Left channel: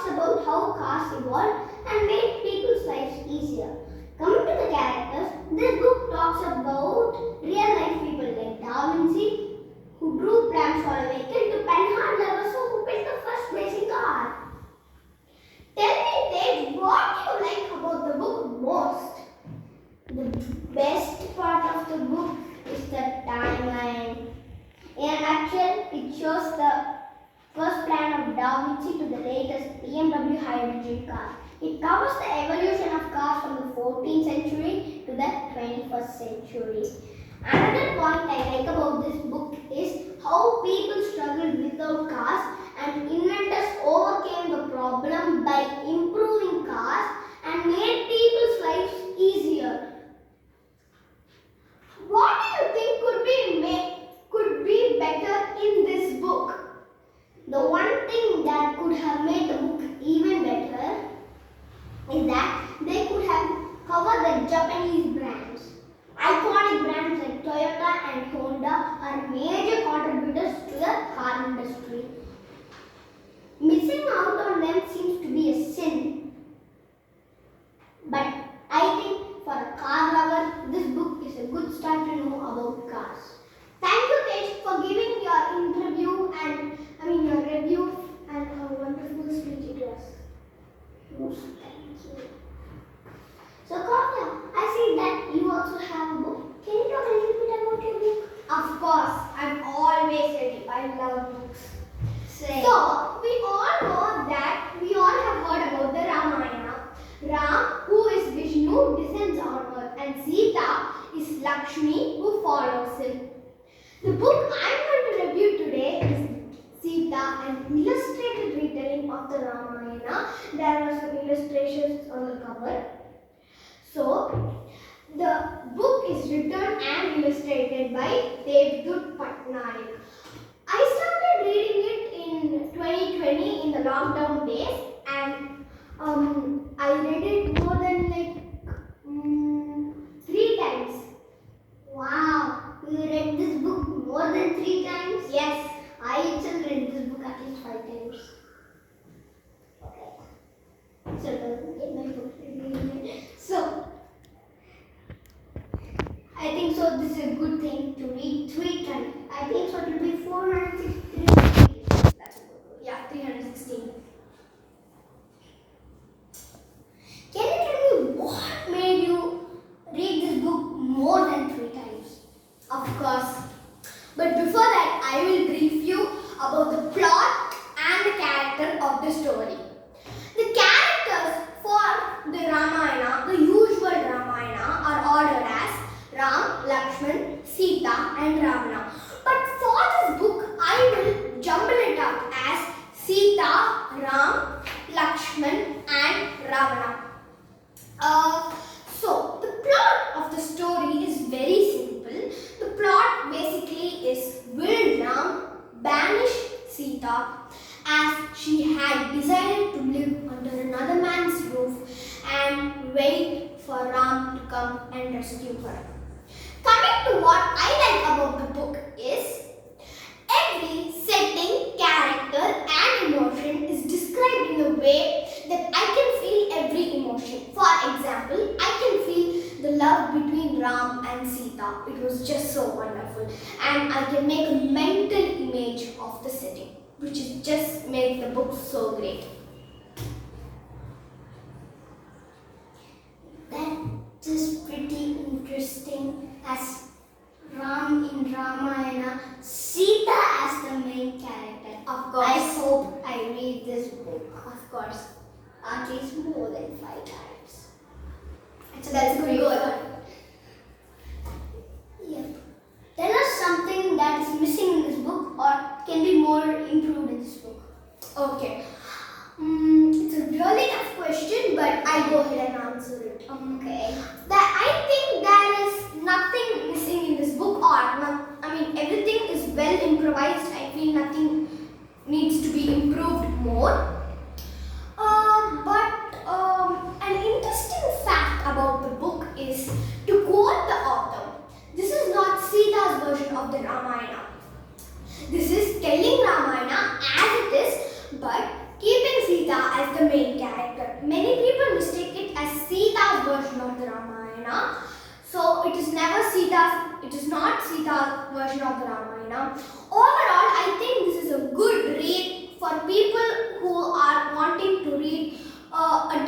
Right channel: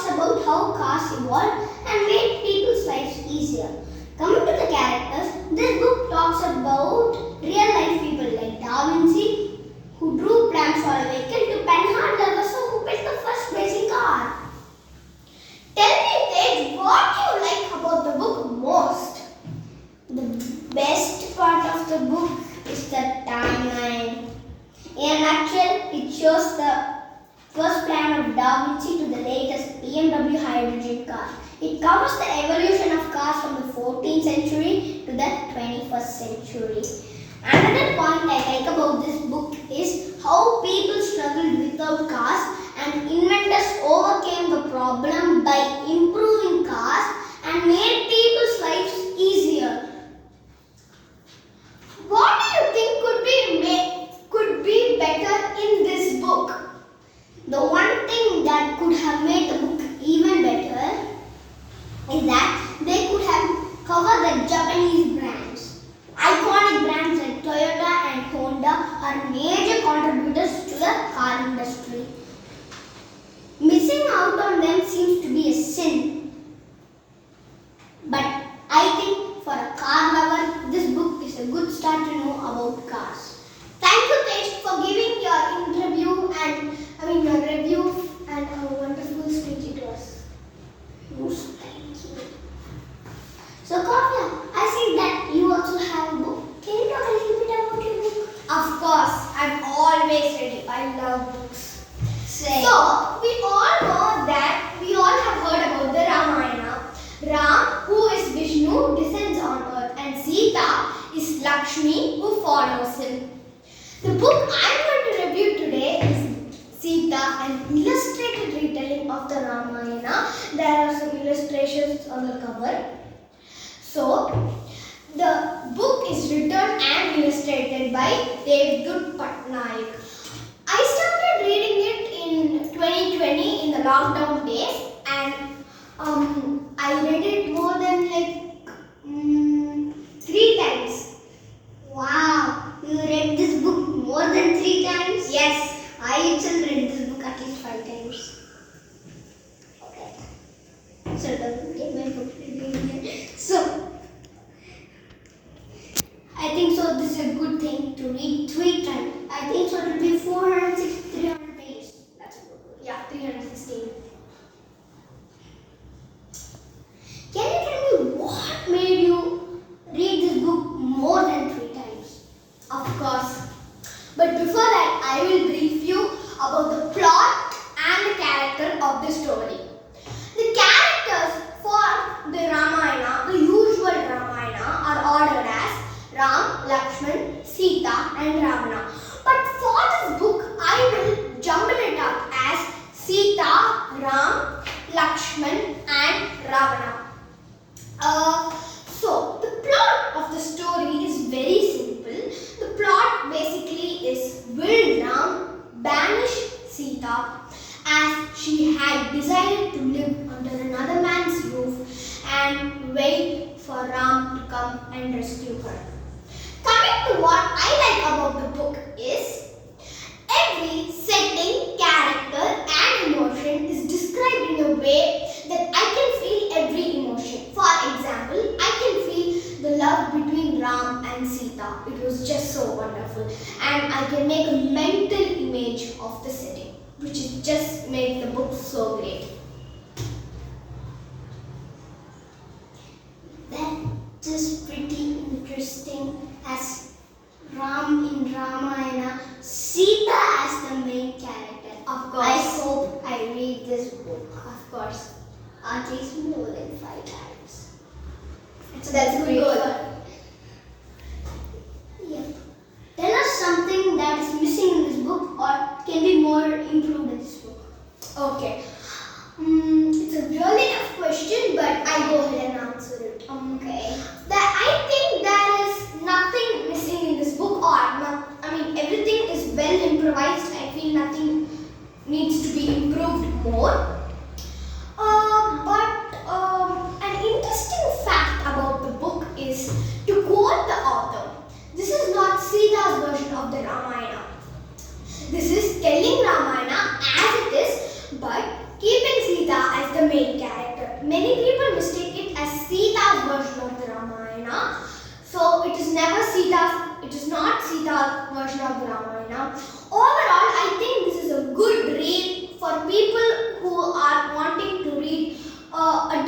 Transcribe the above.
talks about how cars evolved and made people's lives easier. Coming to the characters, this book talks about real life people like Da Vinci, who drew plans for a vehicle, to Penhard Levasseur, who built the first basic car. Tell me, Tej, what do you like about the book most? The best part of the book is the timeline. In a nutshell, it shows the first plan of Da Vinci to the latest BMW hydrogen car. It covers the evolution of cars from the 14th century to the 21st century. Another point I like about this book is how people struggled without cars and inventors overcame the problem by improving cars and made people's lives easier. What do you think could be better in this book? The one thing that could have made the book even better is that they could have covered the Japanese brands. Iconic brands like Toyota and Honda are major contributors to the car industry. Missing out on them seems to be a sin. But I think for a car lover, this book is a good start to know about cars. Thank you, Tej, for giving your review and a wonderful speech it was. Thank you. So, Kavya, I see that you also have a book. Can you talk a little bit about your book? Of course, I'm always ready. I love books. Same. So, we all have heard about the Ramayana. Ram, who is Vishnu, descends on earth, and Sita is Lakshmi, who follows him. The book I'm going to review today is Sita, an illustrated retelling of the Ramayana. There are some illustrations on the cover. So, the book is written and illustrated by Devdutt Pattanaik. I started reading it in 2020 in the lockdown days, and I read it more than 3 times. Wow, you read this book more than 3 times? Yes, I itself read this book at least 5 times. Okay. So don't get my book reviewed. So I think so this is a good thing to read 3 times. I think so it will be 463 pages. That's a good one. Yeah, 316. Can you tell me what made you read this book more than 3 times? Of course. But before that, I will brief you about the plot and the character of the story. The characters for the Ramayana, the usual Ramayana, are ordered as Ram, Lakshman, Sita and Ravana. But for this book, I will jumble it up as Sita, Ram, Lakshman and Ravana. So, the plot of the story is very simple. The plot basically is, will Ram banish Sita as she had decided to live under another man's roof and wait for Ram to come and rescue her. Coming to what I like about the book is, every setting, character and emotion is described in a way that I can feel every emotion. For example, I can feel the love between Ram and Sita. It was just so wonderful. And I can make a mental image of the setting, which is just makes the book so great. That is pretty interesting, as Ram in Ramayana, Sita as the main character. Of course. I hope I read this book. Of course. At least more than 5 times. So that's a good goal. Yep. Tell us something that is missing in this book or can be more improved in this book. Okay. It's a really tough question, but I'll go ahead and answer it. Okay. I think there is nothing missing in this book, everything is well improvised. I feel nothing needs to be improved more. An interesting fact about the book is, to quote the author, this is not Sita's version of the Ramayana. This is telling Ramayana as it is, but keeping Sita as the version of the Ramayana. Overall, I think this is a good read for people who are wanting to read a